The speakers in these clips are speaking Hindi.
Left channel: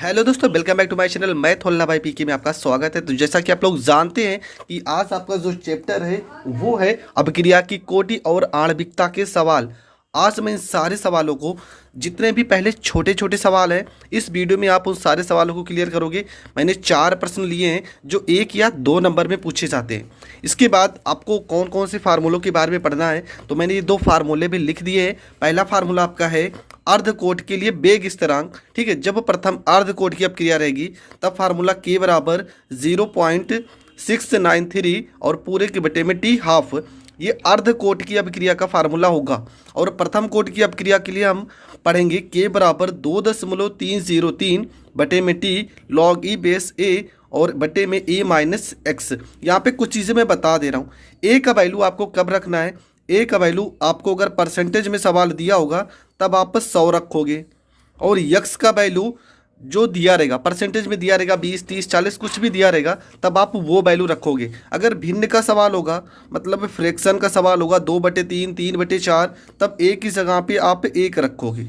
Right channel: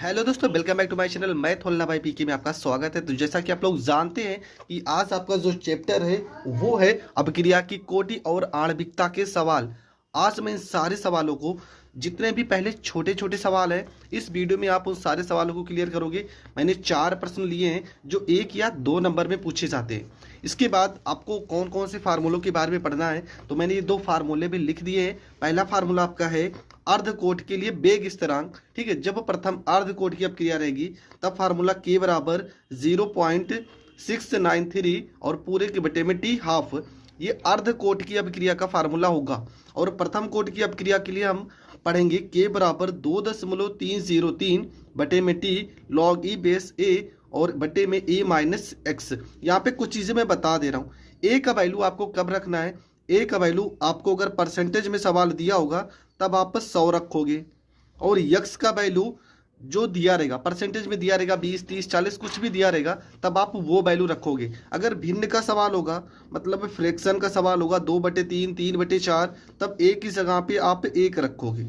हेलो दोस्तों, welcome back to my channel. मैं थोल्ला भाई पीके में आपका स्वागत है। तो जैसा कि आप लोग जानते हैं कि आज आपका जो चैप्टर है वो है अभिक्रिया की कोटि और आणविकता के सवाल। आज मैं इन सारे सवालों को, जितने भी पहले छोटे छोटे सवाल हैं, इस वीडियो में आप उन सारे सवालों को क्लियर करोगे। मैंने 4 प्रश्न लिए हैं जो 1 या 2 नंबर में पूछे जाते हैं। इसके बाद आपको कौन कौन से फार्मूलों के बारे में पढ़ना है, तो मैंने ये 2 फार्मूले भी लिख दिए हैं। पहला फार्मूला आपका है अर्धकोट के लिए वेग स्थिरांक। ठीक है, जब प्रथम अर्धकोट की अपक्रिया रहेगी तब फार्मूला के बराबर 0.693 और पूरे के बटे में टी हाफ, ये अर्धकोट की अपक्रिया का फार्मूला होगा। और प्रथम कोट की अपक्रिया के लिए हम पढ़ेंगे के बराबर 2.303 बटे में टी लॉग ई बेस ए और बटे में ए माइनस एक्स। यहाँ पे कुछ चीज़ें मैं बता दे रहा हूँ। ए का वैल्यू आपको कब रखना है, ए का वैल्यू आपको अगर परसेंटेज में सवाल दिया होगा तब आप 100 रखोगे, और यक्स का वैल्यू जो दिया रहेगा, परसेंटेज में दिया रहेगा 20 30 40 कुछ भी दिया रहेगा, तब आप वो वैल्यू रखोगे। अगर भिन्न का सवाल होगा, मतलब फ्रैक्शन का सवाल होगा 2/3 3/4, तब एक ही जगह पे आप 1 रखोगे।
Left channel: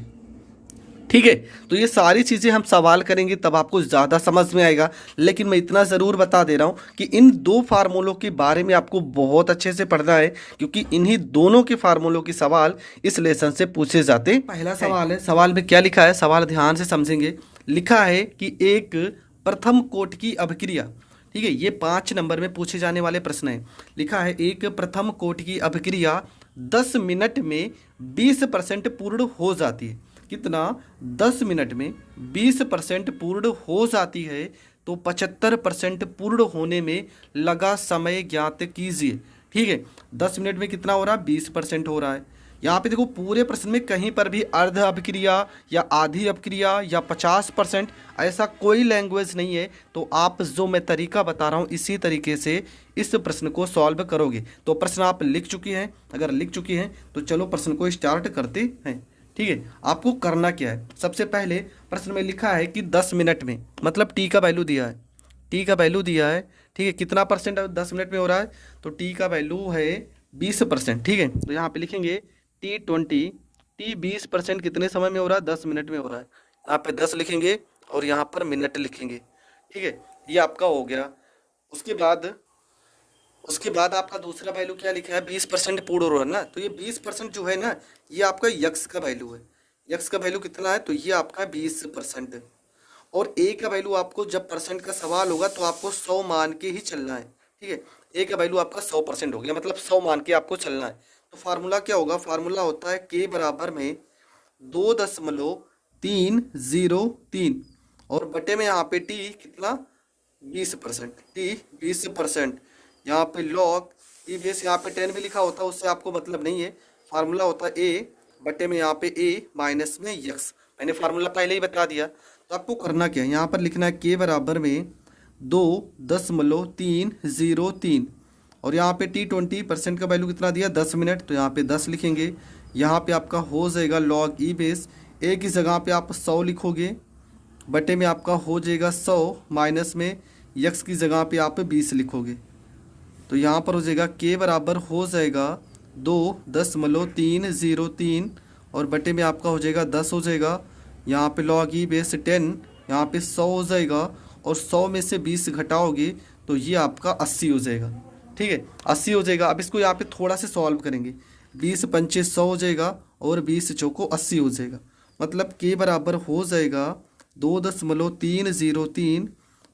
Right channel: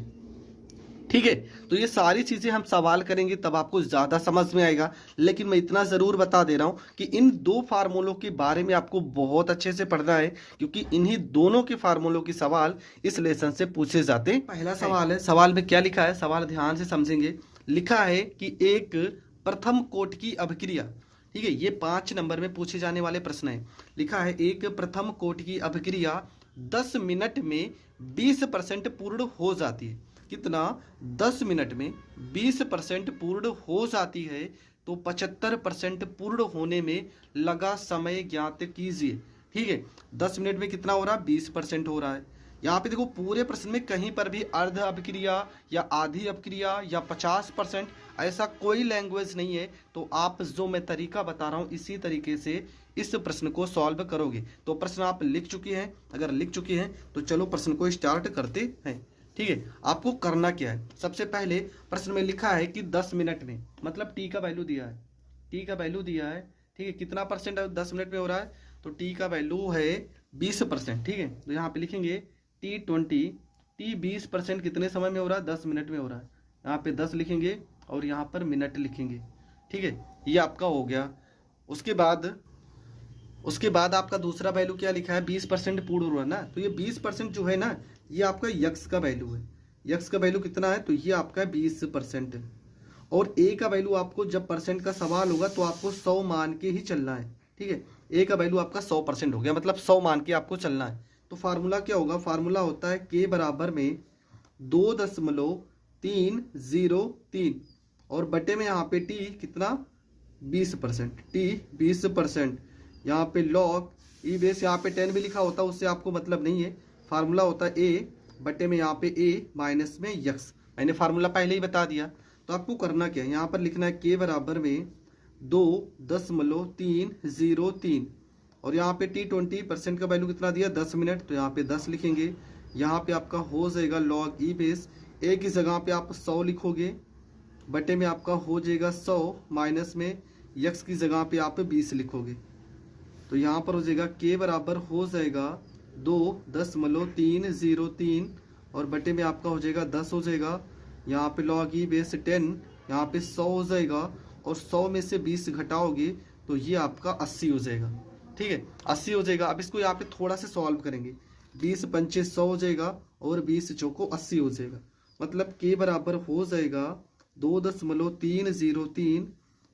ठीक है, तो ये सारी चीज़ें हम सवाल करेंगे तब आपको ज़्यादा समझ में आएगा। लेकिन मैं इतना ज़रूर बता दे रहा हूँ कि इन 2 फार्मूलों के बारे में आपको बहुत अच्छे से पढ़ना है, क्योंकि इन्हीं दोनों के फार्मूलों के सवाल इस लेसन से पूछे जाते हैं। पहला सवाल है, सवाल में क्या लिखा है, सवाल ध्यान से समझेंगे। लिखा है कि एक प्रथम कोट की अभिक्रिया, ठीक है, ये 5 नंबर में पूछे जाने वाले प्रश्न है। लिखा है एक प्रथम कोट की अभिक्रिया 10 मिनट में 20% पूर्ण हो जाती है। कितना? 10 मिनट में 20% पूर्ण हो जाती है, तो 75% पूर्ण होने में लगा समय ज्ञात कीजिए। ठीक है, 10 मिनट में कितना हो रहा है? 20% हो रहा है। यहाँ पे देखो, पूरे प्रश्न में कहीं पर भी अर्ध अपक्रिया या आधी अपक्रिया या 50% ऐसा कोई लैंग्वेज नहीं है। तो आप जो मैं तरीका बता रहा हूँ इसी तरीके से इस प्रश्न को सॉल्व करोगे। तो प्रश्न आप लिख चुकी हैं? अगर लिख चुकी हैं तो चलो प्रश्न को स्टार्ट करते हैं। ठीक है, आपको करना क्या है, सबसे पहले प्रश्न में लिखा है कि 10 मिनट में, मतलब टी का वैल्यू दिया है, टी का वैल्यू दिया है। ठीक है, कितना परसेंट 10 मिनट में हो रहा है, तो टी का वैल्यू है 20%। ठीक है, तो यहाँ पे लिखेंगे T20, टी 20% कितने समय में हो रहा है? 10 मिनट में हो रहा है। यहाँ पे 10 लिखेंगे और यहाँ पर मिनट लिखेंगे। ठीक है, ये आपका हो गया। उसके बाद आपका दूसरा वैल्यू क्या लिखा है? 20% पूर्ण हो रहा है ना, तो ये 20% जो है ना, ये आपका यक्स का वैल्यू है। यक्स का वैल्यू कितना है? तो ये आपका 20%। और ए का वैल्यू आपको, जब परसेंट का सवाल होगा तो आपको 100 मान के ही चलना है। ठीक है, ए का वैल्यू आपका 100% हो गया, मतलब 100 मान के आपको चलना है। तो फार्मूला क्या होगा? फार्मूला होता है के बराबर में 2.303 और बटे में यहाँ पे टी कितना? 20%। टी 20%, यहाँ पे लॉग ई बेस, यहाँ पे 10 भी लिखा होता है, उससे आपको मतलब नहीं है। फार्मूला होता है ए बटे में यहाँ पे ए माइनस में यक्स। मैंने फार्मूला पहले ही बता दिया। तो आपको करना क्या है, यहाँ पर लिखना है के बराबर में 2.303 और यहाँ पे T20% का वैल्यू कितना दिया? 10 मिनट, तो यहाँ पे 10 लिखेंगे। यहाँ पे आपका हो जाएगा लॉग ई बेस, एक ही जगह पे आप 100 लिखोगे, बटे में आपका हो जाएगा 100 माइनस में यक्स की जगह पे आप 20 लिखोगे। तो यहाँ पर हो जाएगा के बराबर हो जाएगा 2.303 और बटे में आपका हो जाएगा 10 हो जाएगा। यहाँ पे लॉग ई बेस 10, यहाँ पे 100 हो जाएगा और 100 में से 20 घटाओगे तो ये आपका 80 हो जाएगा। ठीक है, 80 हो जाएगा। अब इसको यहाँ पे थोड़ा से सॉल्व करेंगे। 20 पंचे 100 हो जाएगा और 20 चौको 80 हो जाएगा। मतलब के बराबर हो जाएगा 2.303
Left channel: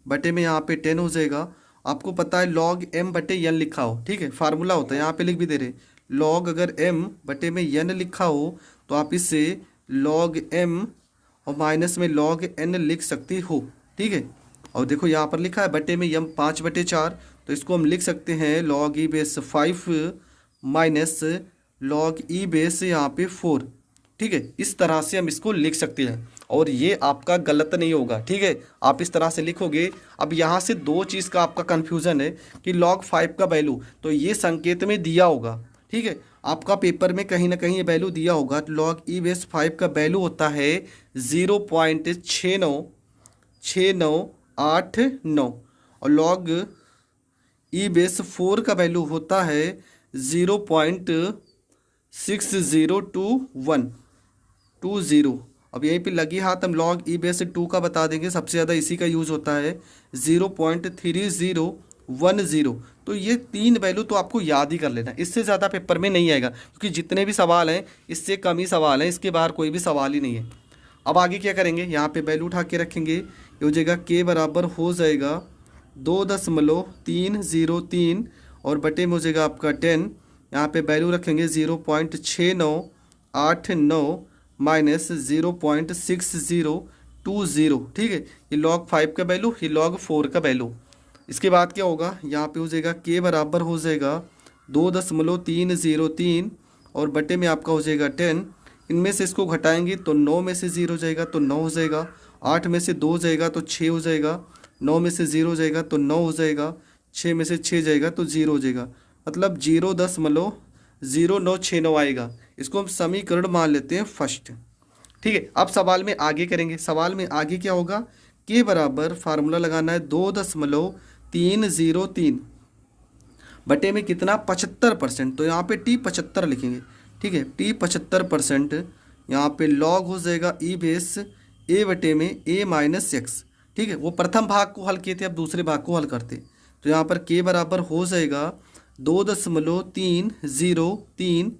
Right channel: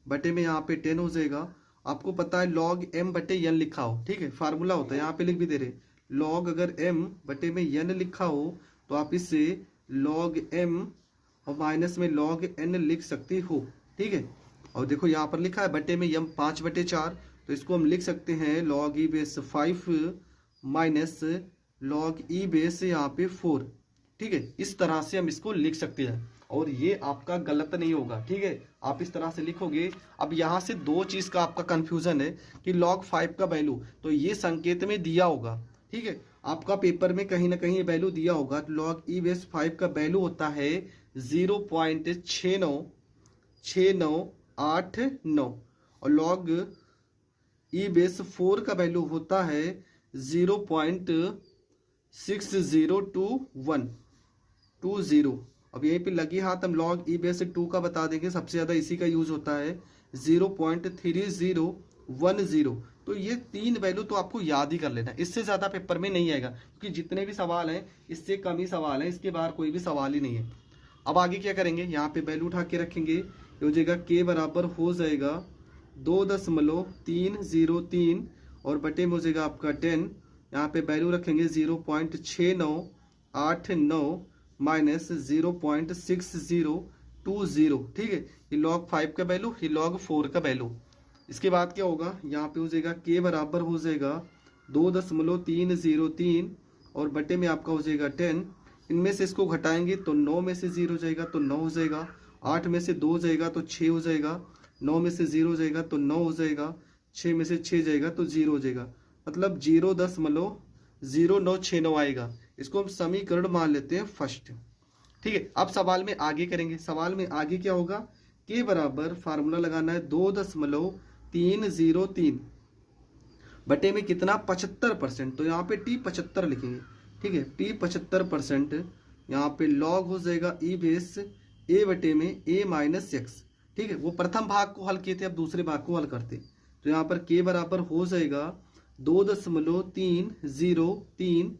बटे में यहाँ पे 10 हो जाएगा। आपको पता है लॉग m बटे n लिखा हो, ठीक है, फार्मूला होता है, यहाँ पे लिख भी दे रहे। लॉग अगर m बटे में n लिखा हो तो आप इससे लॉग m और माइनस में लॉग n लिख सकते हो। ठीक है, और देखो यहाँ पर लिखा है बटे में m 5/4, तो इसको हम लिख सकते हैं लॉग ई बेस 5 माइनस लॉग ई बेस यहाँ पे 4। ठीक है, इस तरह से हम इसको लिख सकते हैं और ये आपका गलत नहीं होगा। ठीक है, आप इस तरह से लिखोगे। अब यहाँ से 2 चीज़ का आपका कन्फ्यूज़न है कि log 5 का वैल्यू, तो ये संकेत में दिया होगा। ठीक है, आपका पेपर में कहीं ना कहीं ये वैल्यू दिया होगा। log ई बेस 5 का वैल्यू होता है 0.696989 और log ई बेस 4 का वैल्यू होता है 0.602120। अब यहीं पे लगी हाथ हम log e बेस 2 का बता देंगे, सबसे ज़्यादा इसी का यूज़ होता है 0.3010। तो ये 3 वैल्यू तो आपको याद ही कर लेना, इससे ज़्यादा पेपर में नहीं आएगा, क्योंकि जितने भी सवाल हैं इससे कम ही सवाल हैं, इसके बाहर कोई भी सवाल ही नहीं है। अब आगे क्या करेंगे, यहाँ पे वैल्यू उठा के रखेंगे, ये हो जाएगा k बराबर हो जाएगा 2.303 और बटे में हो जाएगा आपका 10। यहाँ पे वैल्यू रखेंगे 0.6989 माइनस 0.6020। ठीक है, ये log 5 का वैल्यू, ये log 4 का वैल्यू। इसके बाद क्या होगा, यहाँ पे हो जाएगा k बराबर हो जाएगा 2.303 और बटे में आपका हो जाएगा 10। इनमें से इसको घटाएंगे तो 9 में से 0 जाएगा तो 9 हो जाएगा, 8 में से 2 जाएगा तो 6 हो जाएगा, 9 में से 0 जाएगा तो 9 हो जाएगा, 6 में से 6 जाएगा तो 0 हो जाएगा, मतलब 0.0969 आएगा। इसको हम समीकरण मान लेते हैं फर्स्ट। ठीक है, अब सवाल में आगे करेंगे। सवाल में आगे क्या होगा, के बराबर फार्मूला लगाना है 2.303 बटे में कितना 75%, तो यहाँ पे टी 75 लिखेंगे। ठीक है, टी 75%, यहाँ पे लॉग हो जाएगा ई बेस ए बटे में ए माइनस एक्स। ठीक है, वो प्रथम भाग को हल किए थे, अब दूसरे भाग को हल करते। तो यहाँ पर के बराबर हो जाएगा 2.303,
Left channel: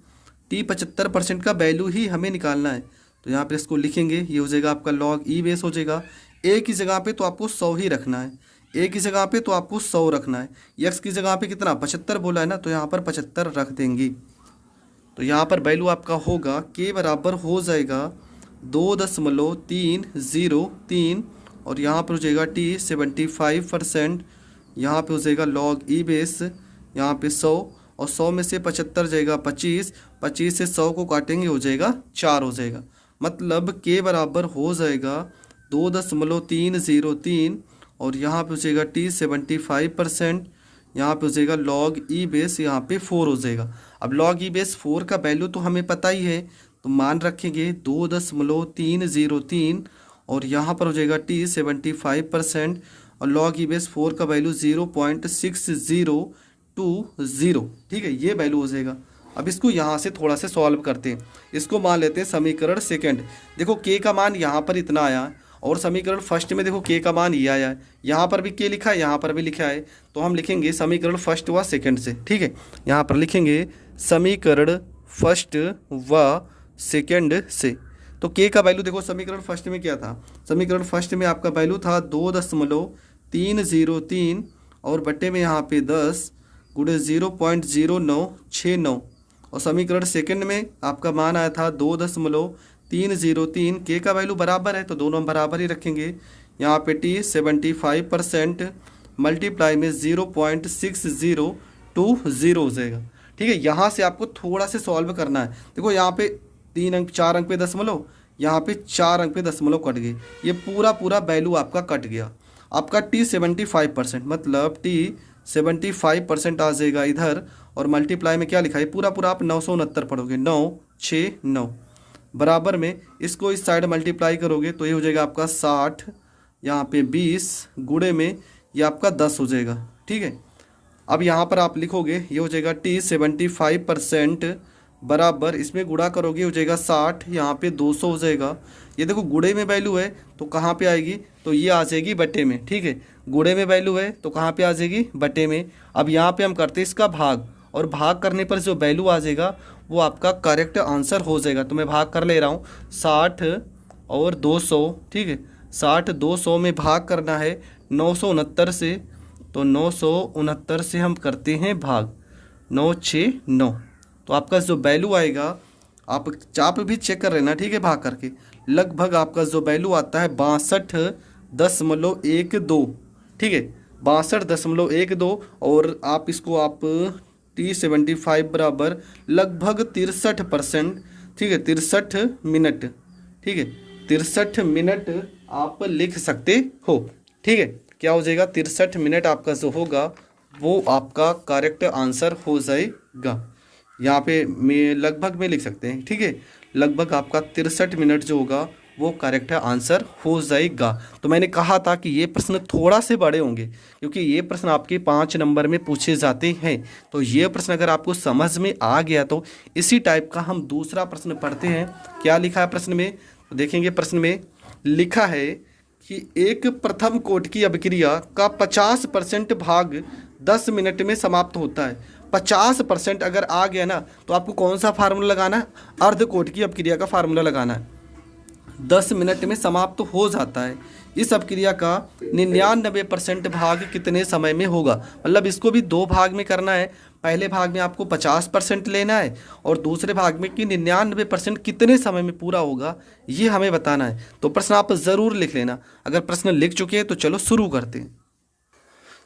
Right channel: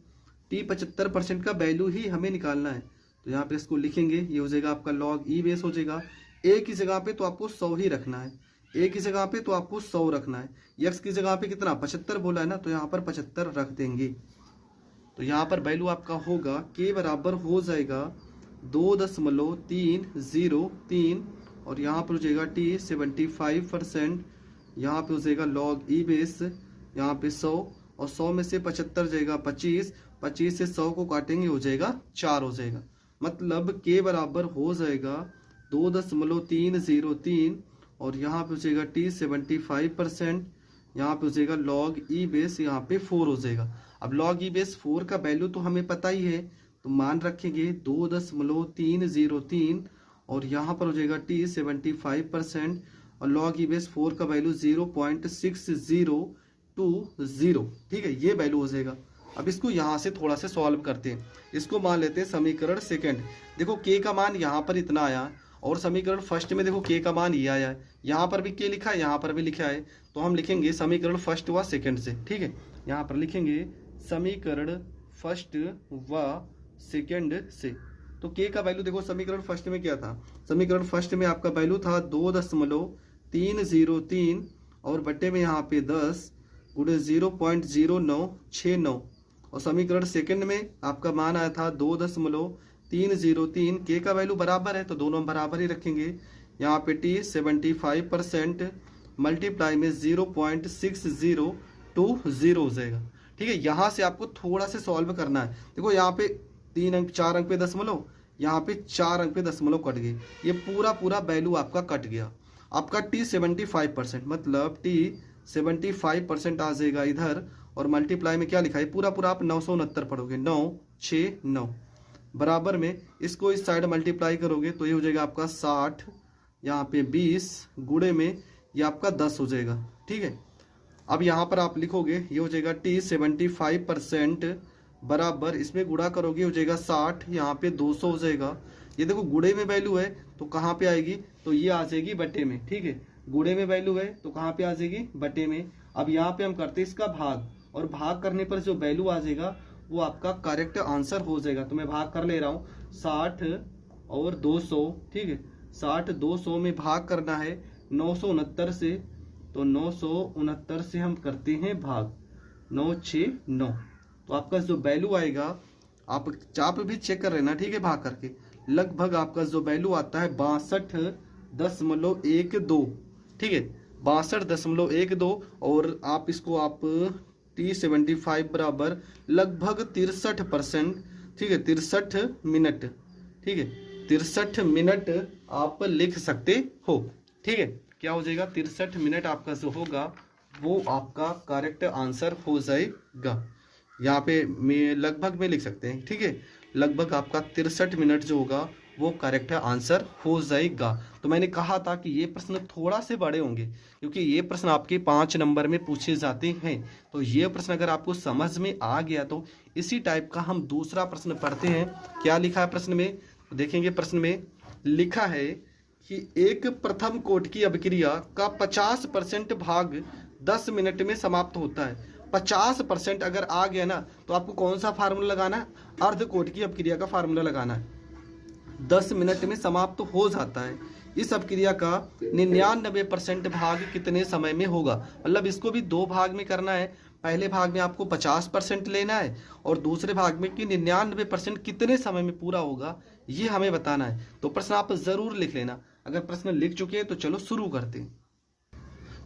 टी 75% का वैल्यू ही हमें निकालना है। तो यहाँ पर इसको लिखेंगे, ये हो जाएगा आपका लॉग ई बेस हो जाएगा। ए की जगह पे तो आपको 100 ही रखना है, ए की जगह पे तो आपको 100 रखना है, एक्स की जगह पे कितना 75 बोला है ना, तो यहाँ पर 75 रख देंगे। तो यहाँ पर वैल्यू आपका होगा के बराबर हो जाएगा 2.303 और यहाँ पर हो जाएगा टी 75%, यहाँ पे हो जाएगा लॉग ई बेस, यहाँ पे 100 और 100 में से 75 जाएगा 25, 25 से 100 को काटेंगे हो जाएगा 4 हो जाएगा। मतलब के बराबर हो जाएगा 2.303 और यहाँ पे हो जाएगा टी 75%, यहाँ पे हो जाएगा लॉग ई बेस, यहाँ पे 4 हो जाएगा। अब लॉग ई बेस 4 का वैल्यू तो हमें पता ही है, तो मान रखेंगे 2.303 और यहाँ पर हो जाएगा टी 75% और लॉग ई बेस 4 का वैल्यू 0.6020। ठीक है, ये वैल्यू हो जाएगा। अब इसको यहाँ से थोड़ा सा सॉल्व करते हैं। इसको मान लेते हैं समीकरण सेकंड। देखो के का मान यहाँ पर इतना आया और समीकरण फर्स्ट में देखो के का मान ये आया है, यहाँ पर भी के लिखा है, यहाँ पर भी लिखा है। तो हम लिखेंगे समीकरण फर्स्ट व सेकंड से। ठीक है, यहाँ पर लिखेंगे समीकरण फर्स्ट व सेकंड से। तो के का वैल्यू देखो समीकरण फर्स्ट में क्या था, समीकरण फर्स्ट में आपका वैल्यू था 2.303 और बट्टे में यहाँ पे 10 गुणे 0.0969 और समीकरण सेकंड में आपका मान आया था 2.303। के का वैल्यू बराबर है तो दोनों हम बराबर ही रखेंगे। यहाँ पे टी 75% मल्टीप्लाई में 0.6020 हो जाएगा। ठीक है, यहाँ से आपको थोड़ा से सॉल्व करना है। देखो यहाँ पे 3 अंक 4 अंक पे दशमलव, यहाँ पे 4 अंक पे दशमलव कट गए, ये पूरा वैल्यू आपका कट गया। आपका टी 75%, मतलब टी 75% आ जाएगा इधर और मल्टीप्लाई में क्या लिखा है पूरा आप 969 पढ़ोगे, 969 बराबर में इसको इस साइड मल्टीप्लाई करोगे तो ये हो जाएगा आपका 60, यहाँ पे 20 गुणे में ये आपका 10 हो जाएगा। ठीक है, अब यहाँ पर आप लिखोगे ये हो जाएगा टी 75% बराबर इसमें गुणा करोगे हो जाएगा 60, यहाँ पे 200 हो जाएगा। ये देखो गुणे में वैल्यू है तो कहाँ पे आएगी, तो ये आ जाएगी बटे में। ठीक है, गुणे में वैल्यू है तो कहाँ पे आ जाएगी, बटे में। अब यहाँ पे हम करते हैं इसका भाग और भाग करने पर जो वैल्यू आ जाएगा वो आपका करेक्ट आंसर हो जाएगा। तो मैं भाग कर ले रहा हूँ 60 और 200। ठीक है, 60 200 में भाग करना है 969 से, तो 969 से हम करते हैं भाग 969। तो आपका जो वैल्यू आएगा आप भी चेक कर लेना। ठीक है, भाग करके लगभग आपका जो वैल्यू आता है 62.12। ठीक है, 62.12 और आप इसको आप टी 75 बराबर लगभग 63%। ठीक है, 63 मिनट। ठीक है, 63 मिनट आप लिख सकते हो। ठीक है, क्या हो जाएगा 63 मिनट आपका जो होगा वो आपका करेक्ट आंसर हो जाएगा। यहाँ पे मैं लगभग में लिख सकते हैं। ठीक है, लगभग आपका 63 मिनट जो होगा वो करेक्ट आंसर हो जाएगा। तो मैंने कहा था कि ये प्रश्न थोड़ा से बड़े होंगे क्योंकि ये प्रश्न आपके 5 नंबर में पूछे जाते हैं। तो ये प्रश्न अगर आपको समझ में आ गया तो इसी टाइप का हम दूसरा प्रश्न पढ़ते हैं। क्या लिखा है प्रश्न में, तो देखेंगे प्रश्न में लिखा है कि एक प्रथम कोट की अभिक्रिया का 50% भाग 10 मिनट में समाप्त होता है। 50% अगर आ गया ना तो आपको कौन सा फार्मूला लगाना है? अर्ध कोट की अभिक्रिया का फार्मूला लगाना है। 10 मिनट में समाप्त हो जाता है। इस अभिक्रिया का 99% भाग कितने समय में होगा? मतलब इसको भी दो भाग में करना है। पहले भाग में आपको 50% लेना है और दूसरे भाग में कि 99% कितने समय में पूरा होगा, ये हमें बताना है। तो प्रश्न आप ज़रूर लिख लेना। अगर प्रश्न लिख चुके हैं तो चलो शुरू करते हैं।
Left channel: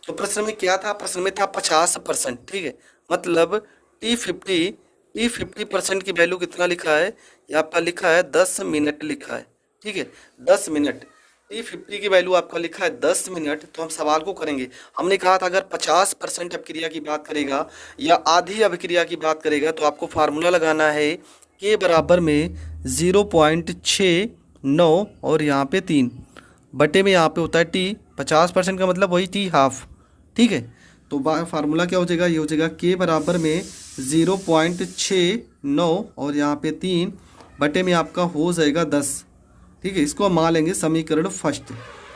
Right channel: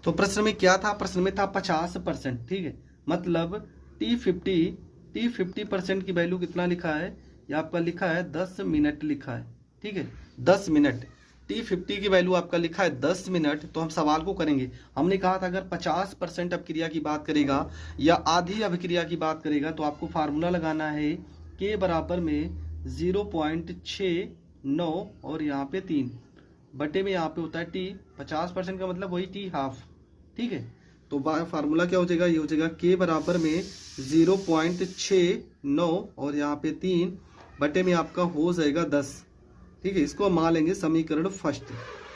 तो प्रश्न में क्या था? प्रश्न में था 50%, ठीक है। मतलब T50% की वैल्यू कितना लिखा है? ये आपका लिखा है 10 मिनट लिखा है, ठीक है। 10 मिनट T50 की वैल्यू आपका लिखा है 10 मिनट। तो हम सवाल को करेंगे। हमने कहा था अगर 50% अभिक्रिया की बात करेगा या आधी अभिक्रिया की बात करेगा तो आपको फार्मूला लगाना है K बराबर में 0.69 और यहाँ पे 3 बटे में यहाँ पे होता है T। 50% का मतलब वही T हाफ, ठीक है। तो फार्मूला क्या हो जाएगा? ये हो जाएगा K बराबर में 0.69 और यहाँ पे 3 बटे में आपका हो जाएगा 10, ठीक है। इसको हम मान लेंगे समीकरण फर्स्ट,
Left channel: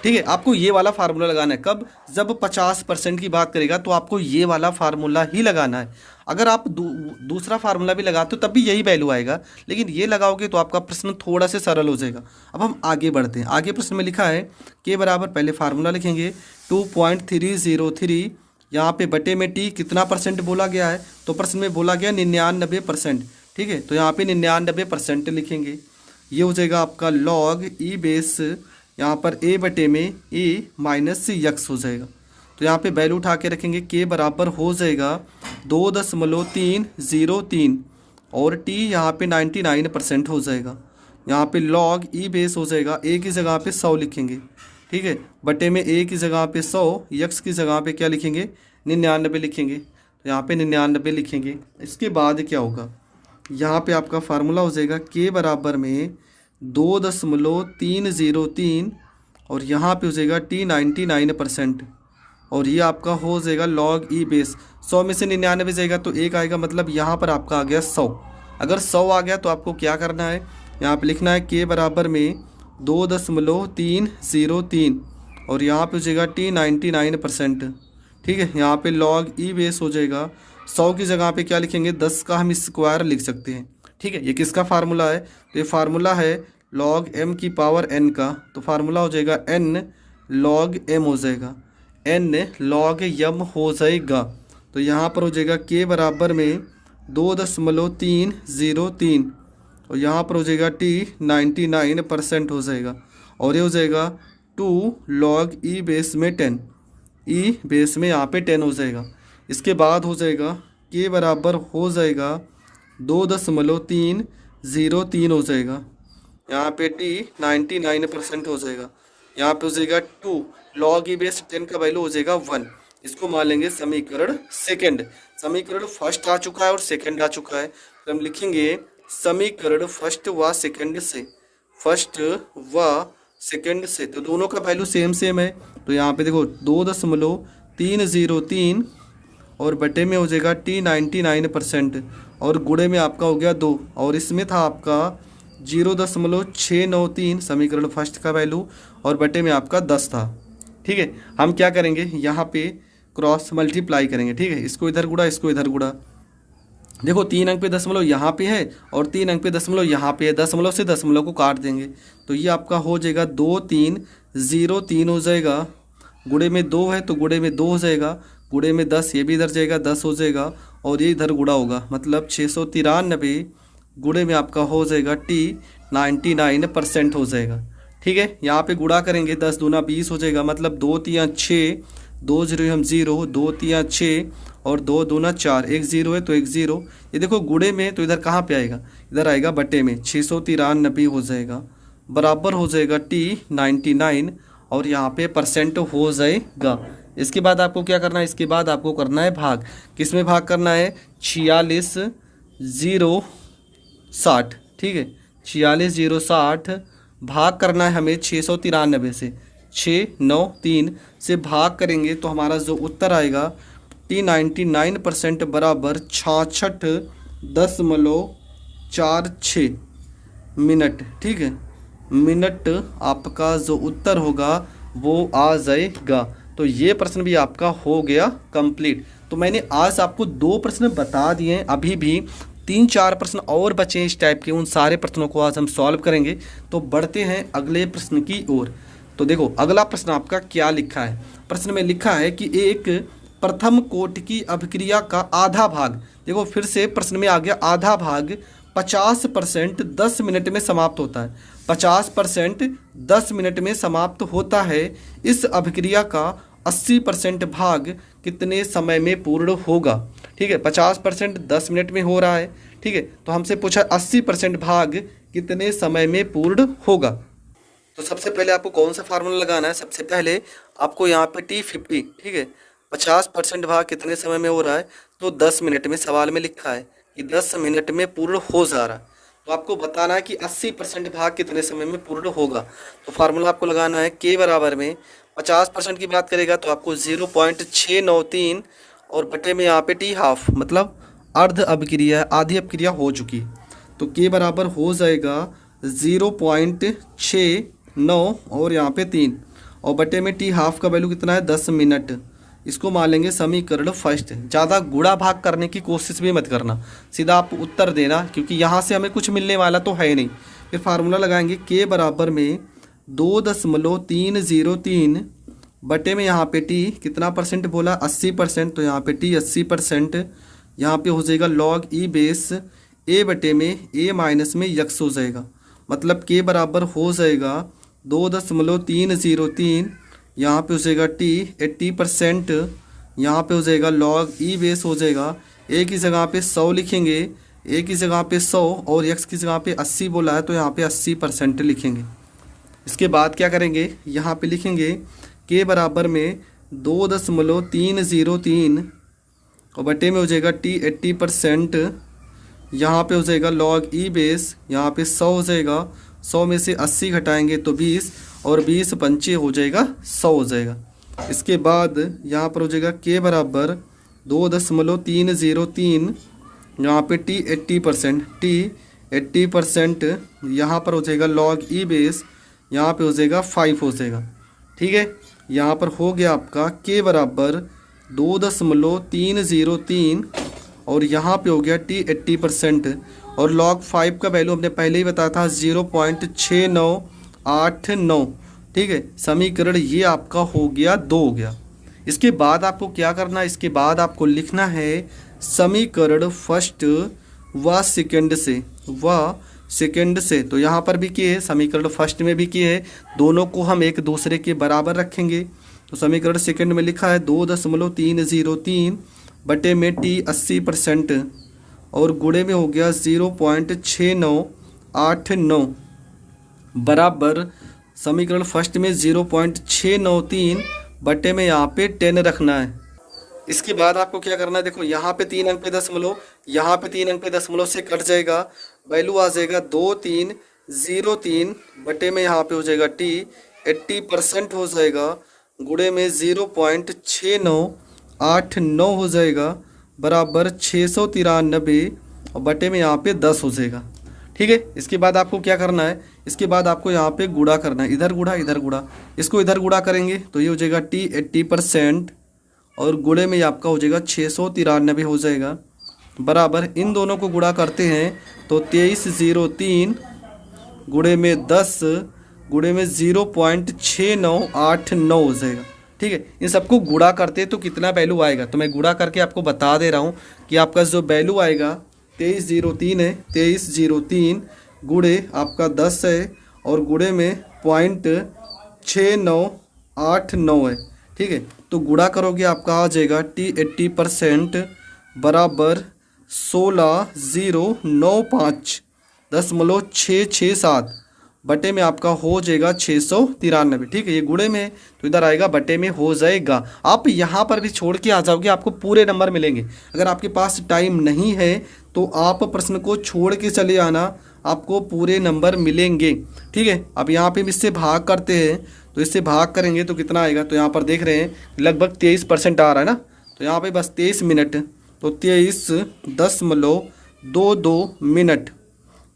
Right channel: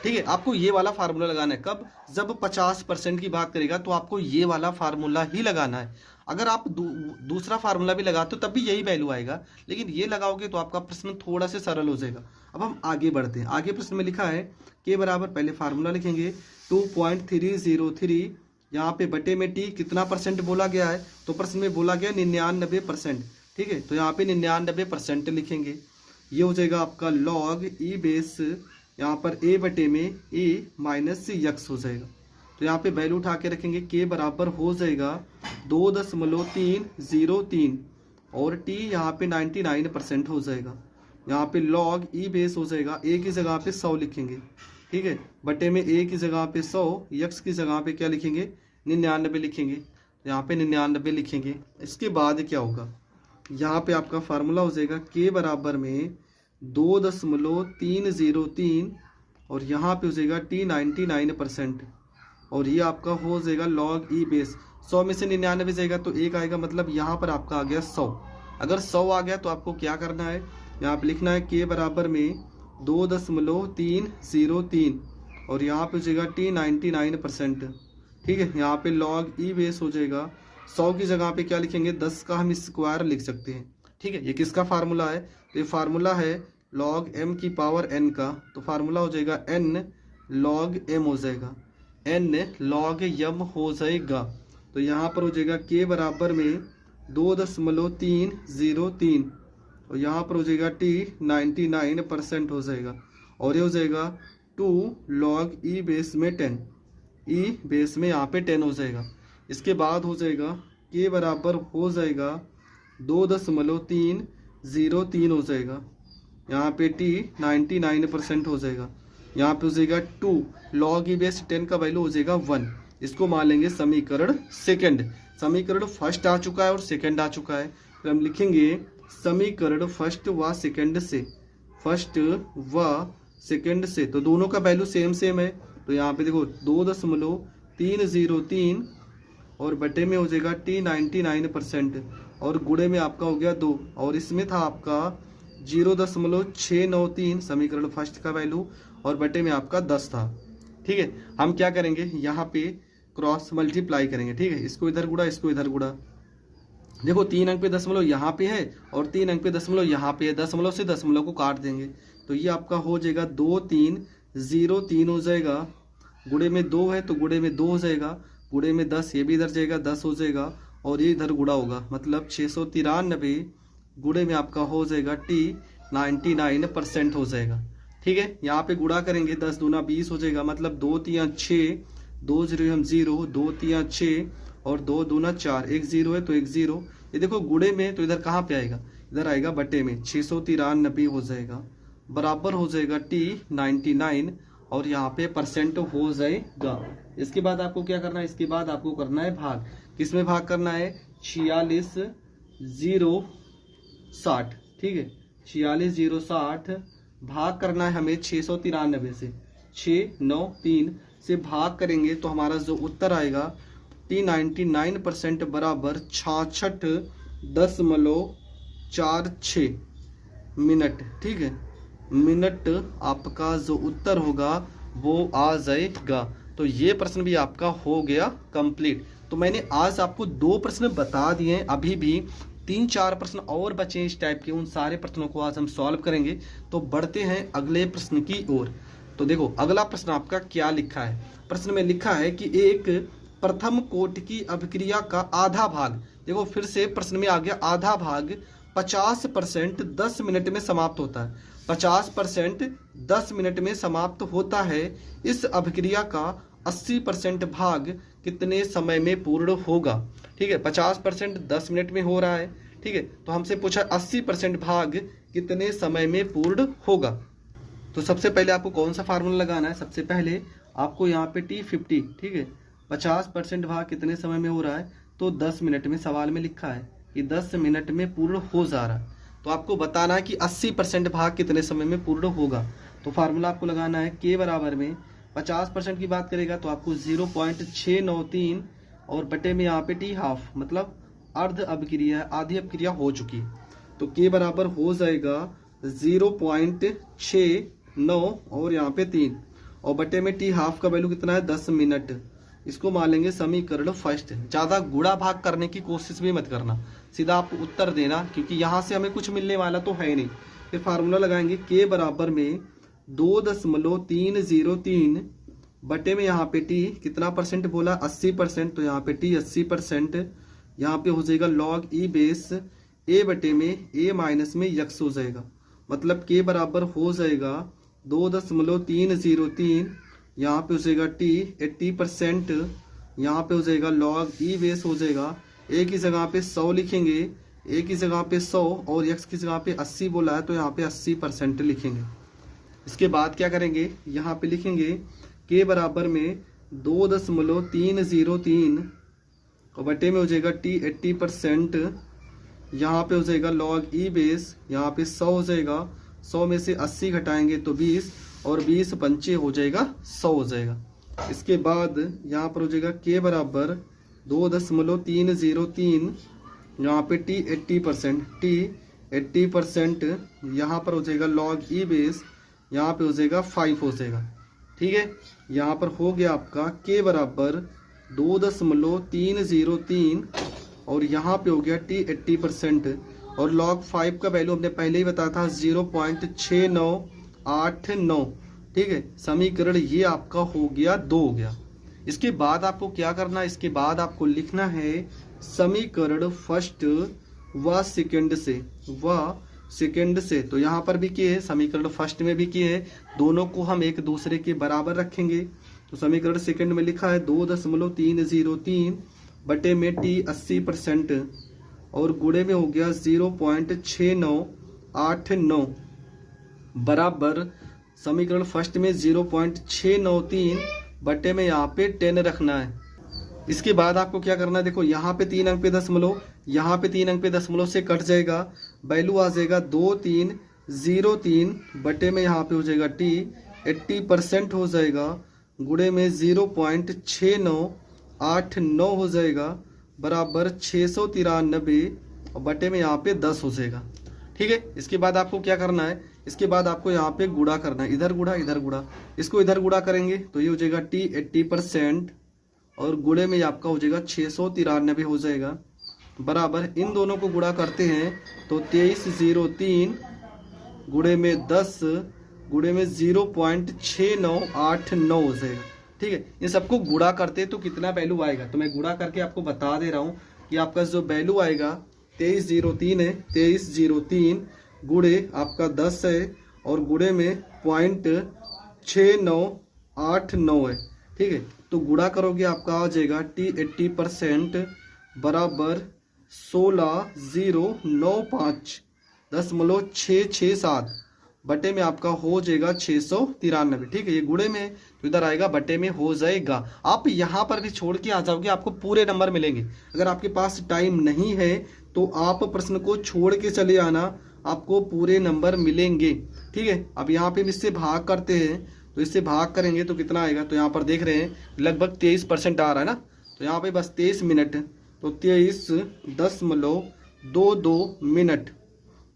ठीक है। आपको ये वाला फार्मूला लगाना है कब? जब 50% की बात करेगा तो आपको ये वाला फार्मूला ही लगाना है। अगर आप दूसरा फार्मूला भी लगाते हो तब भी यही वैल्यू आएगा, लेकिन ये लगाओगे तो आपका प्रश्न थोड़ा सा सरल हो जाएगा। अब हम आगे बढ़ते हैं। आगे प्रश्न में लिखा है K बराबर, पहले फार्मूला लिखेंगे 2.303, यहाँ पे बटे में T कितना परसेंट बोला गया है? तो प्रश्न में बोला गया 99%, ठीक है। तो यहाँ पे 99% लिखेंगे। ये हो जाएगा आपका log E बेस, यहाँ पर A बटे में A माइनस यक्स हो जाएगा। तो यहाँ पे वैल्यू उठा के रखेंगे। K बराबर हो जाएगा 2.303 और T यहाँ पे 99% हो जाएगा। यहाँ पे log E बेस हो जाएगा, A की जगह पे 100 लिखेंगे, ठीक है। बटे में A की जगह पे 100, यक्स की जगह पे क्या लिखेंगे? 99 लिखेंगे। तो यहाँ पे 99 लिखेंगे। इसके बाद क्या होगा? यहाँ पे आपका फार्मूला हो जाएगा K बराबर में 2.303 और यहाँ पे हो जाएगा T 99% और ये आपका हो जाएगा log E बेस। 100 में से 99 जाएगा तो 1 आएगा, मतलब यहाँ पर आपका आ गया 100। अगर 100 आ गया तो आपको क्या करना है? यहाँ पे लिखना है K बराबर में 2.303 और यहाँ पे हो जाएगा T 99%, ठीक है। यहाँ पे log E बेस हो जाएगा। 100 की जगह पे क्या लिखेंगे? 10 का हम स्क्वायर लिख सकते हैं, ठीक है। ये किसका फार्मूला है? तो ये फार्मूला है log m की पावर n का। तो फार्मूला हो जाएगा n log m हो जाएगा, n log m हो जाएगा। तो यहाँ पर हो जाएगा K बराबर में 2.303 और यहाँ पर हो जाएगा T 99% हो जाएगा और ये हो जाएगा 2 log E बेस में 10, E बेस में यहाँ पे 10 हो जाएगा। इसके बाद हो जाएगा K बराबर हो जाएगा 2.303 हो जाएगा। यहाँ पे T 99% हो जाएगा। यहाँ पे हो जाएगा 2 log E बेस 10 का वैल्यू हो जाएगा 1। इसको मान लेंगे समीकरण सेकंड। समीकरण फर्स्ट आ चुका है और सेकंड आ चुका है। फिर हम लिखेंगे समीकरण फर्स्ट व सेकंड से, फर्स्ट व सेकंड से। तो दोनों का वैल्यू सेम सेम है। तो यहाँ पे देखो 2.303 और बटे में हो जाएगा T 99% और गुणे में आपका हो गया 2 और इसमें था आपका 0.693 समीकरण फर्स्ट का वैल्यू और बटे में आपका 10 था, ठीक है। हम क्या करेंगे? यहाँ पे क्रॉस मल्टीप्लाई करेंगे, ठीक है। इसको इधर गुणा, इसको इधर गुणा। देखो 3 अंक पे दशमलव यहाँ पे है और 3 अंक पे दशमलव यहाँ पे है। दशमलव से दशमलव को काट देंगे तो ये आपका हो जाएगा 2303 हो जाएगा। गुणे में 2 है तो गुणे में 2 हो जाएगा। गुणे में 10, ये भी इधर जाएगा 10 हो जाएगा और ये इधर गुणा होगा, मतलब 693 गुणे में आपका हो जाएगा T 99% हो जाएगा, ठीक है। यहाँ पे गुणा करेंगे 10 दूना 20 हो जाएगा, मतलब 2 तिया 6, 2 0 हम 0, 2 तिया 6 और 2 दूना 4, 1 0 है तो 1 0। ये देखो गुणे में तो इधर कहाँ पे आएगा? इधर आएगा बटे में, 693 हो जाएगा बराबर हो जाएगा T 99 और यहाँ पे परसेंट हो जाएगा। इसके बाद आपको क्या करना है? इसके बाद आपको करना है भाग। किस में भाग करना है? 46,060, ठीक है। 46,060 भाग करना है हमें 693 से। 693 से भाग करेंगे तो हमारा जो उत्तर आएगा T 99% बराबर 66.46 मिनट, ठीक है। मिनट आपका जो उत्तर होगा वो आ जाएगा। तो ये प्रश्न भी आपका हो गया कंप्लीट। तो मैंने आज आपको 2 प्रश्न बता दिए हैं, अभी भी 3-4 प्रश्न और बचे हैं इस टाइप के। उन सारे प्रश्नों को आज हम सॉल्व करेंगे। तो बढ़ते हैं अगले प्रश्न की ओर। तो देखो अगला प्रश्न आपका क्या लिखा है। प्रश्न में लिखा है कि एक प्रथम कोटि की अभिक्रिया का आधा भाग, देखो फिर से प्रश्न में आ गया आधा भाग, 50% 10 मिनट में समाप्त होता है। 50% 10 मिनट में समाप्त होता है। इस अभिक्रिया का 80% भाग कितने समय में पूर्ण होगा। ठीक है, 50% 10 मिनट में हो रहा है। ठीक है, तो हमसे पूछा 80% भाग कितने समय में पूर्ण होगा। तो सबसे पहले आपको कौन सा फार्मूला लगाना है। सबसे पहले आपको यहाँ पे T50, ठीक है, 50% भाग कितने समय में हो रहा है, तो 10 मिनट में सवाल में लिखा है कि 10 मिनट में पूर्ण हो जा रहा है। तो आपको बताना है कि 80% भाग कितने समय में पूर्ण होगा। तो फार्मूला आपको लगाना है K बराबर में 50% की बात करेगा तो आपको 0.693 और बटे में यहाँ पे T हाफ, मतलब अर्ध अभिक्रिया, आधी अभिक्रिया हो चुकी। तो K बराबर हो जाएगा 0.69 और यहाँ पे 3 और बटे में T हाफ का वैल्यू कितना है 10 मिनट। इसको मान लेंगे समीकरण फर्स्ट। ज़्यादा गुणा भाग करने की कोशिश भी मत करना, सीधा आप उत्तर देना, क्योंकि यहाँ से हमें कुछ मिलने वाला तो है नहीं। फिर फार्मूला लगाएंगे K बराबर में 2.303 बटे में यहाँ पे T कितना परसेंट बोला 80%, तो यहाँ पे T 80%, यहाँ पे हो जाएगा log E बेस A बटे में A माइनस में यक्स हो जाएगा। मतलब K बराबर हो जाएगा 2.303, यहाँ पे हो जाएगा T 80%, यहाँ पे हो जाएगा log E बेस हो जाएगा। A की जगह पे 100 लिखेंगे, A की जगह पे 100 और x की जगह पे 80 बोला है तो यहाँ पे 80% लिखेंगे। इसके बाद क्या करेंगे, यहाँ पे लिखेंगे K बराबर में 2.303 और बटे में हो जाएगा T 80%, यहाँ पे हो जाएगा log E बेस, यहाँ पे 100 हो जाएगा, 100 में से 80 घटाएंगे तो 20 और 20 पंचे हो जाएगा 100 हो जाएगा। इसके बाद यहाँ पर हो जाएगा K बराबर 2.303, यहाँ पे T 80%, यहाँ पर हो जाएगा log E बेस, यहाँ पे हो जाएगा 5 हो जाएगा। ठीक है, यहाँ पर हो गया आपका K बराबर 2.303 और यहाँ पे हो गया T 80% और log 5 का वैल्यू हमने पहले ही बताया था 0.6989। ठीक है, समीकरण ये आपका हो गया 2 हो गया। इसके बाद आपको क्या करना है, इसके बाद आपको लिखना है समीकरण फर्स्ट व सेकंड से। तो यहाँ पर भी किए है, समीकरण फर्स्ट में भी किए है, दोनों को हम एक दूसरे के बराबर रखेंगे। तो समीकरण सेकंड में लिखा है 2.303 बटे में T 80% और गुणे में हो गया 0.6989 बराबर समीकरण फर्स्ट में 0.693 बटे में यहाँ पे 10 रखना है। इसके बाद आपको क्या करना है, देखो यहाँ पे 3 अंक पे दशमलव, यहाँ पे 3 अंक पे दशमलव से कट जाएगा, वैल्यू आ जाएगा 2303 बटे में यहाँ पे हो जाएगा T 80% हो जाएगा, गुणे में 0.6989 हो जाएगा बराबर 693 और बटे में यहाँ पे 10 हो जाएगा। ठीक है, इसके बाद आपको क्या करना है, इसके बाद आपको यहाँ पे गुणा करना है, इधर गुणा इधर गुणा, इसको इधर गुणा करेंगे तो ये हो जाएगा T 80% और गुणे में आपका हो जाएगा 693 हो जाएगा बराबर, इन दोनों को गुणा करते हैं तो 2303 गुणे में 10 गुणे में 0.6989 हो जाएगा। ठीक है, इन सबको गुणा करते हैं तो कितना वैल्यू आएगा, तो मैं गुणा करके आपको बता दे रहा हूँ कि आपका जो वैल्यू आएगा 2303 है, 2303 गुणे आपका 10 है और गुणे में 0.6989 है। ठीक है, तो गुणा करोगे आपका आ जाएगा T 80% बराबर 16095.667 बटे में आपका हो जाएगा 693। ठीक है, ये गुणे में तो इधर आएगा बटे में हो जाएगा। आप यहाँ पर भी छोड़ के आ जाओगे, आपको पूरे नंबर मिलेंगे। अगर आपके पास टाइम नहीं है तो आप प्रश्न को छोड़ के चले आना, आपको पूरे नंबर मिलेंगे। ठीक है, अब यहाँ पे इससे भाग करते हैं, तो इससे भाग करेंगे तो कितना आएगा, तो यहाँ पर देख रहे हैं लगभग 23% आ रहा है ना, तो यहाँ पे बस 23 मिनट, तो 23.22 मिनट,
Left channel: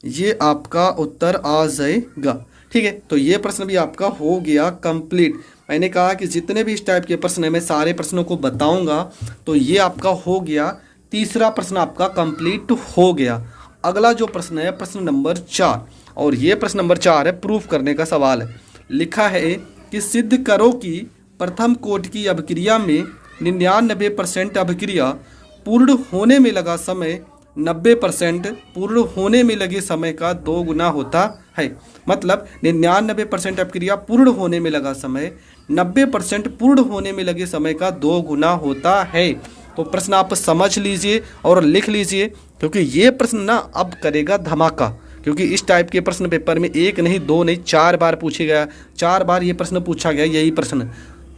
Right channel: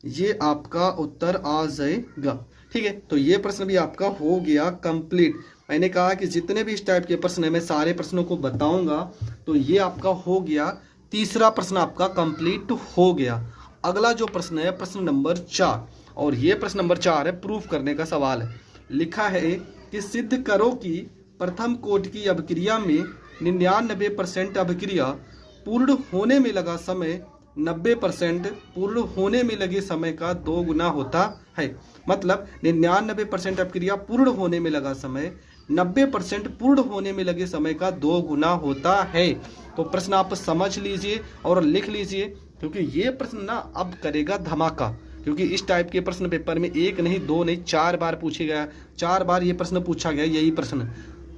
ये आपका उत्तर आ जाएगा। ठीक है, तो ये प्रश्न भी आपका हो गया कंप्लीट। मैंने कहा कि जितने भी इस टाइप के प्रश्न है मैं सारे प्रश्नों को बताऊंगा। तो ये आपका हो गया, तीसरा प्रश्न आपका कंप्लीट हो गया। अगला जो प्रश्न है प्रश्न नंबर 4, और ये प्रश्न नंबर 4 है, प्रूफ करने का सवाल है। लिखा है कि सिद्ध करो कि प्रथम कोटि की अभिक्रिया में 99% अभिक्रिया पूर्ण होने में लगा समय 90% पूर्ण होने में लगे समय का 2 गुना होता है। मतलब 99% अभिक्रिया पूर्ण होने में लगा समय 90% पूर्ण होने में लगे समय का 2 गुना होता है। तो प्रश्न आप समझ लीजिए और लिख लीजिए, क्योंकि ये प्रश्न ना अब करेगा धमाका। क्योंकि इस टाइप के प्रश्न पेपर में 1 नहीं 2 नहीं 4 बार पूछे गया, 4 बार ये प्रश्न पूछा गया, यही प्रश्न।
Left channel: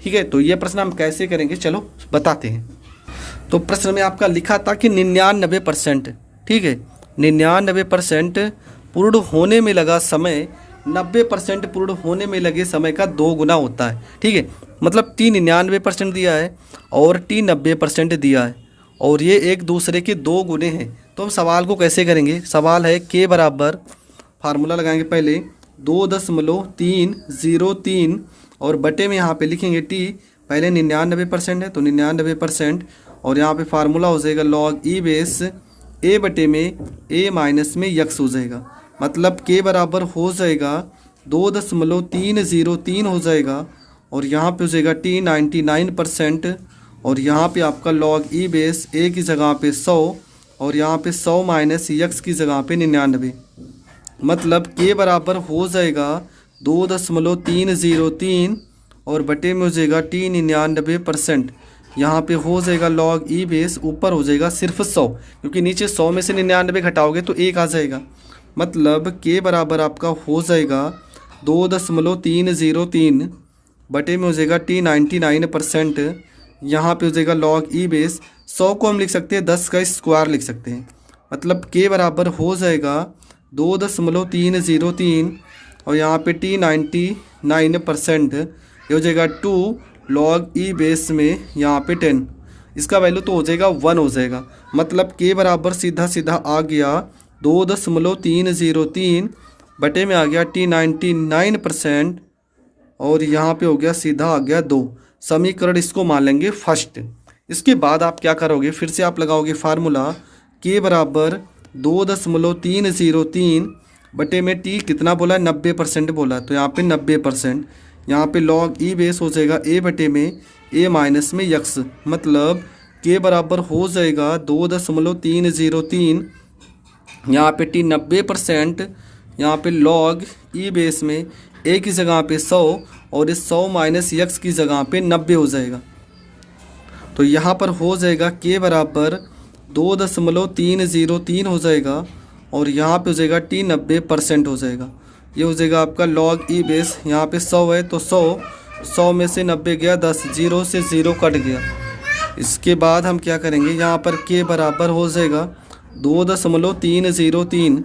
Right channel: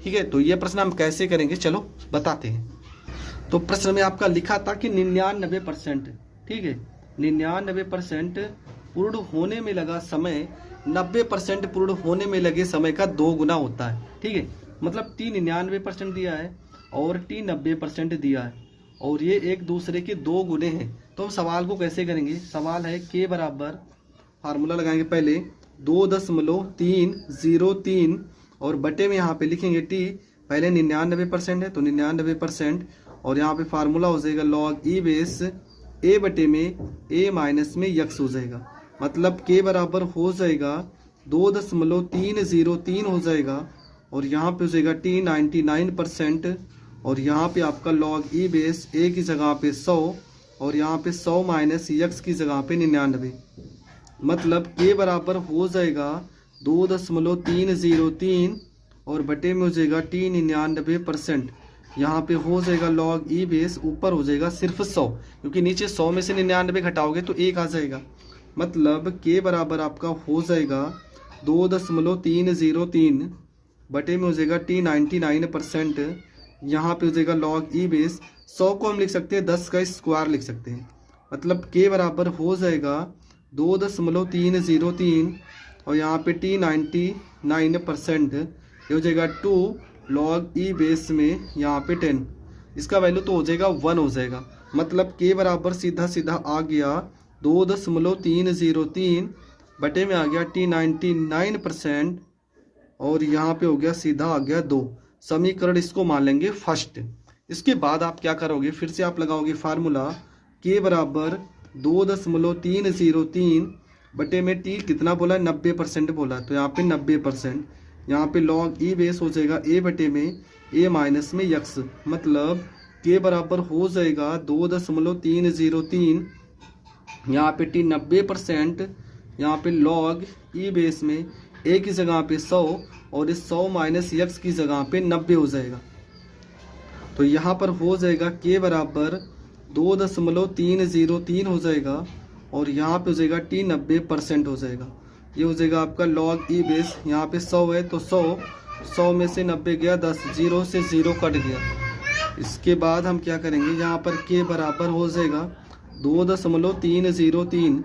ठीक है, तो ये प्रश्न हम कैसे करेंगे चलो बताते हैं। तो प्रश्न में आपका लिखा था कि 99%, ठीक है, 99% पूर्ण होने में लगा समय 90% पूर्ण होने में लगे समय का 2 गुना होता है। ठीक है, मतलब T 99% दिया है और T 90% दिया है, और ये एक दूसरे के 2 गुने हैं। तो हम सवाल को कैसे करेंगे? सवाल है K बराबर, फार्मूला लगाएंगे पहले 2.303 और बटे में यहाँ पे लिखेंगे T, पहले 99% है तो 99%, और यहाँ पे फार्मूला हो जाएगा log e बेस a बटे में a माइनस में x हो जाएगा। मतलब K बराबर हो जाएगा 2.303 हो जाएगा, और यहाँ पे हो जाएगा T 99%, और यहाँ पे आपका log e बेस a की जगह पे 100 और यहाँ पे 100 माइनस x की जगह पे 99। मतलब K बराबर हो जाएगा 2.303 और बटे में हो जाएगा T 99%। यहाँ पे हो जाएगा log e बेस, ऊपर हो जाएगा सिर्फ 100, क्योंकि नीचे 100 में से 99 घटाओगे तो 1 आ जाएगा। मतलब K बराबर आपका हो जाएगा 2.303 बटे में हो जाएगा T 99%। यहाँ पे हो जाएगा log e बेस, 100 को हम लिख सकते हैं 10 का स्क्वायर लिख सकते हैं। मतलब K बराबर हो जाएगा 2.303 और यहाँ पे T 99%, ये हो जाएगा 2 log e बेस में यहाँ पे 10, इसका वैल्यू तो हो जाएगा 1 हो जाएगा। मतलब K बराबर सीधा सीधा आ गया 2.303 बटे में आ गया T 99% और यहाँ पे हो गया सीधा आ गया 2। समीकरण इसको मान लेंगे फर्स्ट। इसके बाद आप क्या करोगे, फिर से आप लगाओगे फार्मूला K बराबर 2.303 बटे में T कितना बोला, 90% बोला, तो यहाँ पे 90%, यहाँ पे log e बेस हो जाएगा a बटे में a माइनस में x। मतलब K बराबर हो जाएगा 2.303, यहाँ पे T 90%, यहाँ पे log e बेस में a की जगह पे 100 और इस 100 माइनस x की जगह पे 90 हो जाएगा। तो यहाँ पर हो जाएगा K बराबर 2.303 हो जाएगा और यहाँ पे हो जाएगा T 90% हो जाएगा। ये हो जाएगा आपका log e बेस, यहाँ पे 100 है तो 100 में से 90 गया 10, 0 से 0 कट गया। इसके बाद हम क्या करेंगे, यहाँ पर K बराबर हो जाएगा 2.303,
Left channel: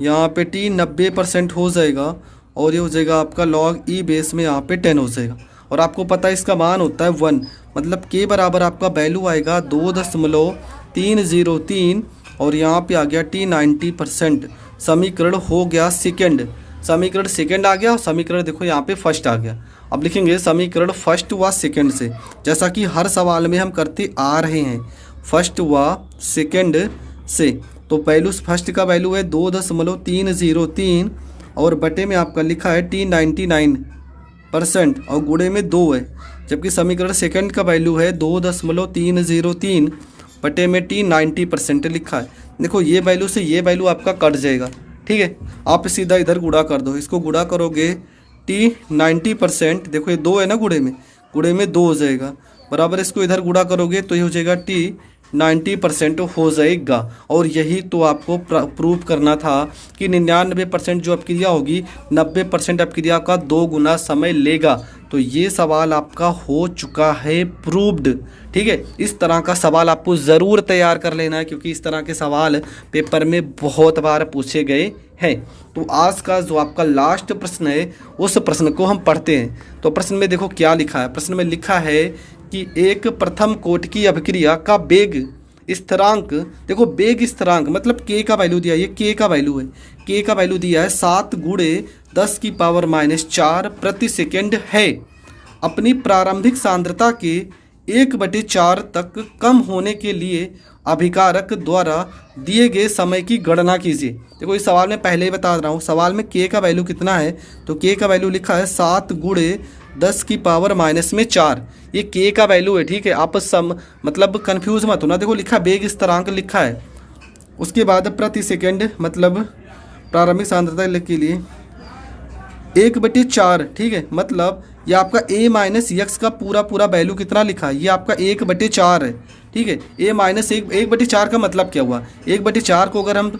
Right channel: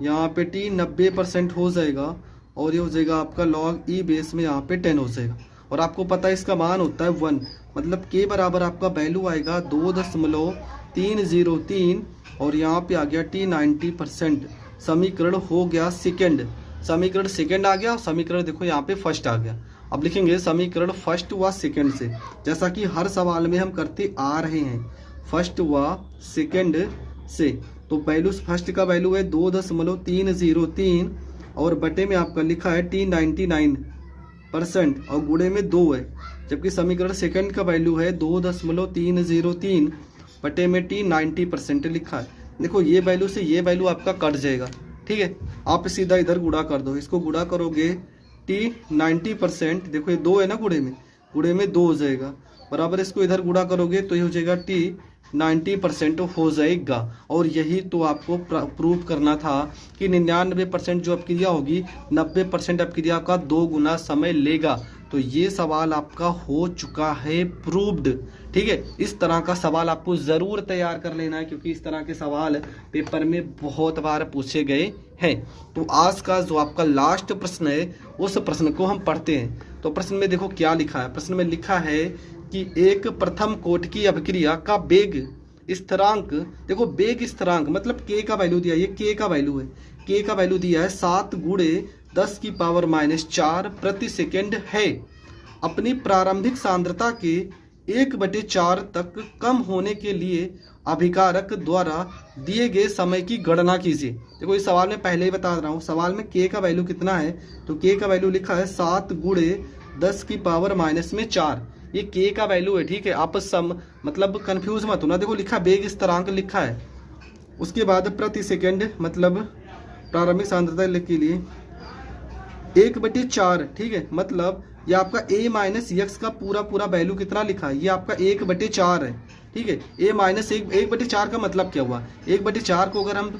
यहाँ पे T 90% हो जाएगा और ये हो जाएगा आपका log e बेस में यहाँ पे 10 हो जाएगा। और आपको पता है इसका मान होता है 1। मतलब K बराबर आपका वैल्यू आएगा 2.303 और यहाँ पे आ गया T 90%। समीकरण हो गया सेकेंड, समीकरण सेकेंड आ गया, समीकरण देखो यहाँ पे फर्स्ट आ गया। अब लिखेंगे समीकरण फर्स्ट व सेकेंड से, जैसा कि हर सवाल में हम करते आ रहे हैं, फर्स्ट व सेकेंड से। तो वैल्यू फर्स्ट का वैल्यू है 2.303 और बटे में आपका लिखा है T 99% और गुणे में 2 है, जबकि समीकरण सेकंड का वैल्यू है 2.303 बटे में T 90% लिखा है। देखो ये वैल्यू से ये वैल्यू आपका कट जाएगा, ठीक है, आप सीधा इधर गुणा कर दो, इसको गुणा करोगे T 90%, देखो ये 2 है ना, गुणे में 2 हो जाएगा, बराबर इसको इधर गुणा करोगे तो ये हो जाएगा T 90% हो जाएगा। और यही तो आपको प्रूव करना था कि 99% जो अपक्रिया होगी 90% अपक्रिया का 2 गुना समय लेगा। तो ये सवाल आपका हो चुका है प्रूव्ड, ठीक है। इस तरह का सवाल आपको ज़रूर तैयार कर लेना है, क्योंकि इस तरह के सवाल पेपर में बहुत बार पूछे गए हैं। तो आज का जो आपका लास्ट प्रश्न है उस प्रश्न को हम पढ़ते हैं। तो प्रश्न में देखो क्या लिखा है, प्रश्न में लिखा है कि एक प्रथम कोटि की अभिक्रिया का वेग स्थिरांक, देखो वेग स्थिरांक मतलब K का वैल्यू दिया है, ये K का वैल्यू है, K का वैल्यू दिया है 7 गुणे 10⁻⁴ प्रति सेकेंड है। अपनी प्रारंभिक सांद्रता के 1/4 तक कम होने के लिए अभिकारक द्वारा दिए गए समय की गणना कीजिए। देखो इस सवाल में पहले ही बता रहा हूँ, सवाल में k का वैल्यू कितना है, तो k का वैल्यू लिखा है 7 × 10⁻⁻4। ये k का वैल्यू है, ठीक है। आप मतलब कंफ्यूज मत होना। देखो लिखा वेग स्थिरांक लिखा है, उसके बाद प्रति सेकेंड मतलब प्रारंभिक सांद्रता के लिए 1/4, ठीक है। मतलब ये आपका a माइनस x का पूरा वैल्यू कितना लिखा है, ये आपका 1/4 है, ठीक है। a माइनस 1/4 का मतलब क्या हुआ, 1/4 को अगर हम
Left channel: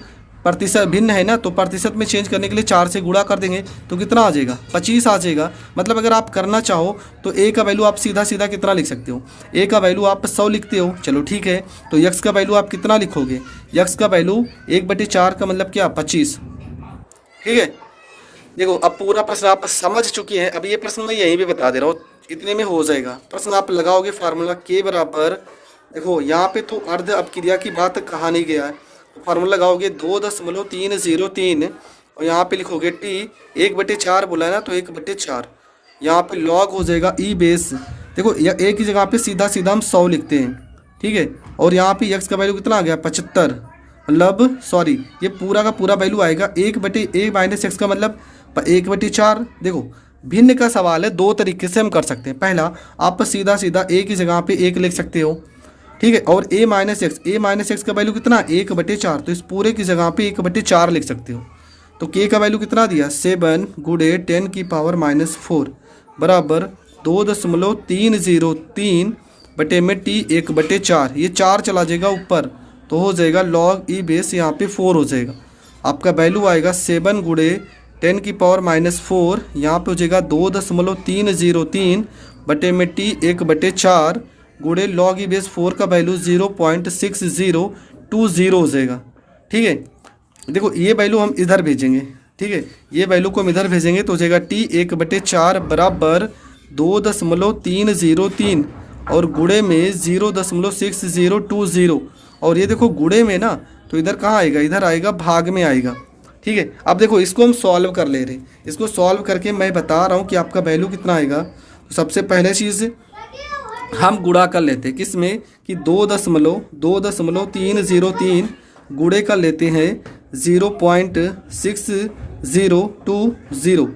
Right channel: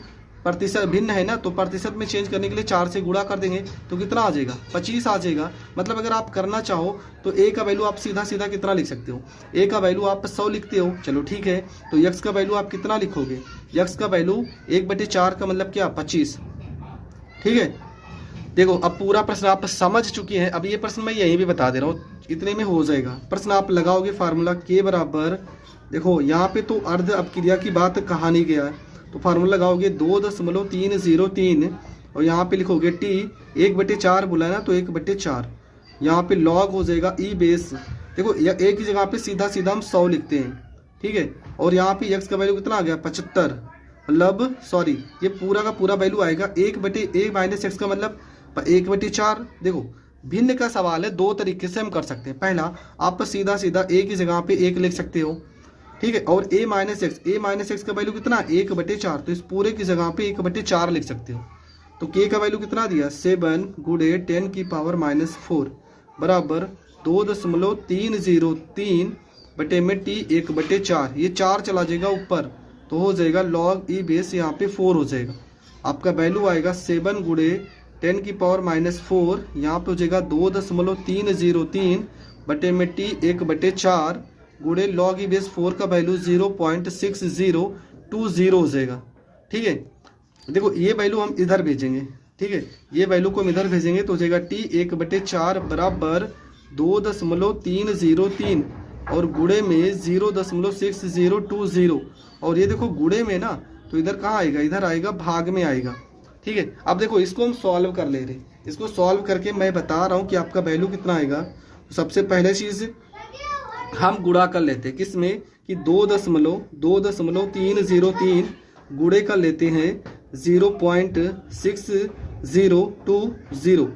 प्रतिशत भिन्न है ना, तो प्रतिशत में चेंज करने के लिए 4 से गुणा कर देंगे तो कितना आ जाएगा, 25 आ जाएगा। मतलब अगर आप करना चाहो तो a का वैल्यू आप सीधा सीधा कितना लिख सकते हो, a का वैल्यू आप 100 लिखते हो, चलो ठीक है। तो x का वैल्यू आप कितना लिखोगे, x का वैल्यू 1/4 का मतलब क्या, 25, ठीक है। देखो अब पूरा प्रश्न आप समझ चुके हैं। अब ये प्रश्न मैं यहीं भी बता दे रहा हूँ, इतने में हो जाएगा। प्रश्न आप लगाओगे फार्मूला k बराबर, देखो यहाँ पे तो अर्ध अपक्रिया की बात कहा नहीं गया है, तो फार्मूला लगाओगे 2.303 और यहाँ पे लिखोगे t 1/4 बोला है ना, तो 1/4 यहाँ पे log हो जाएगा e बेस। देखो a की जगह पे सीधा सीधा हम 100 लिखते हैं, ठीक है। और यहाँ पे x का वैल्यू कितना आ गया, 75, मतलब सॉरी ये पूरा का पूरा वैल्यू आएगा 1/a माइनस x का मतलब 1/4। देखो भिन्न का सवाल है, दो तरीके से हम कर सकते हैं। पहला आप सीधा सीधा a की जगह पे 1 लिख सकते हो, ठीक है। और a माइनस x का वैल्यू कितना, 1/4, तो इस पूरे की जगह पे 1/4 लिख सकते हो। तो k का वैल्यू कितना दिया, 7 × 10⁻⁴ बराबर 2.303 बटे में t 1/4। ये 4 चला जाएगा ऊपर तो हो जाएगा log e बेस, यहाँ पे 4 हो जाएगा। आपका वैल्यू आएगा 7 × 10⁻⁴, यहाँ पे हो जाएगा 2.303 बटे में t 1/4 गुणे log e बेस 4 का वैल्यू 0.6020 हो जाएगा, ठीक है। देखो ये वैल्यू हम इधर भेजेंगे, ठीक है, ये वैल्यू को हम इधर भेजेंगे तो हो जाएगा t 1/4 बराबर 2.303 और गुणे में 0.6020। और ये देखो गुणे में ना, तो इधर कहाँ आएगा, इधर आएगा भाग में आएगा, ठीक है। अब देखो इसको हम सॉल्व कर ले रहे, इसको सॉल्व करके मैं बता रहा हूँ कि आपका वैल्यू कितना आएगा। तो सबसे पहले चीज़ हम गुणा कर लेते हैं किसमें, कि 2.303 गुणे कर लेते हैं 0.6020।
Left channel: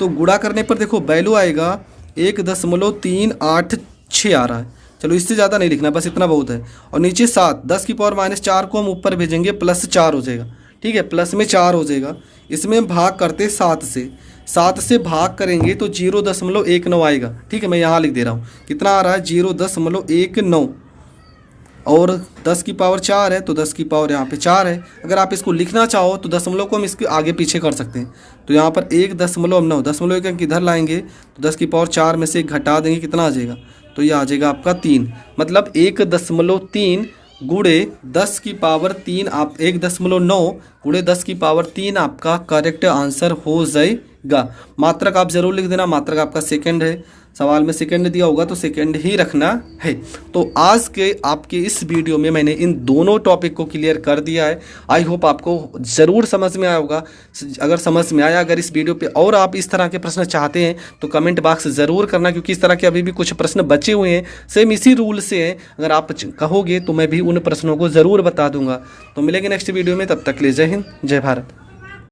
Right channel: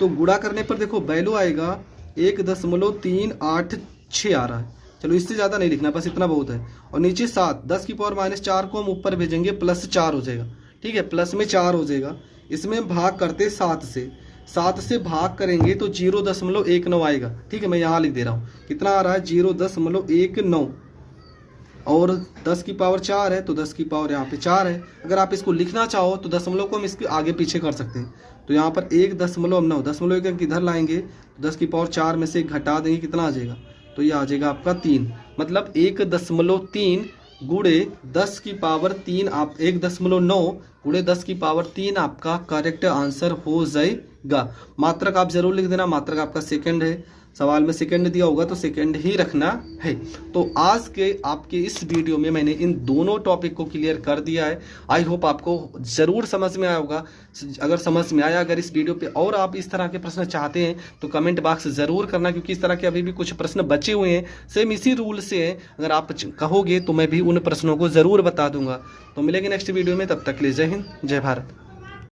तो गुणा करने पर देखो वैल्यू आएगा 1.386 आ रहा है। चलो इससे ज़्यादा नहीं लिखना, बस इतना बहुत है। और नीचे 7, 10⁻⁴ को हम ऊपर भेजेंगे +4 हो जाएगा, ठीक है, प्लस में 4 हो जाएगा। इसमें भाग करते 7 से भाग करेंगे तो 0.19 आएगा, ठीक है। मैं यहाँ लिख दे रहा हूँ कितना आ रहा है, 0.19 और 10⁴ है तो 10⁻⁴ यहाँ पे 4 है। अगर आप इसको लिखना चाहो तो दशमलव को हम इसके आगे पीछे कर सकते हैं। तो यहाँ पर 1.9 दशमलव एक इधर लाएंगे तो 10⁻⁴ में से घटा देंगे, कितना आ जाएगा, तो ये आ जाएगा आपका 3। मतलब 1.3 गुणे 10⁻3 आप 1.9 गुणे 10⁻3 आपका करेक्ट आंसर हो जाएगा। मात्रक आप जरूर लिख देना, मात्रक आपका सेकंड है, सवाल में सेकंड दिया होगा तो सेकंड ही रखना है। तो आज के आपके इस वीडियो में मैंने इन दोनों टॉपिक को क्लियर कर दिया है। आई होप आपको ज़रूर समझ में आया होगा। अगर समझ में आया, अगर इस वीडियो पे और आप इस तरह के प्रश्न चाहते हैं तो कमेंट बॉक्स ज़रूर करना, क्योंकि इस तरह के अभी भी कुछ प्रश्न बचे हुए हैं, सेम इसी रूल से हैं। अगर आप कहोगे तो मैं भी उन प्रश्नों को ज़रूर बता दूंगा। तो मिलेंगे नेक्स्ट वीडियो में, तब तक के लिए जय हिंद, जय भारत।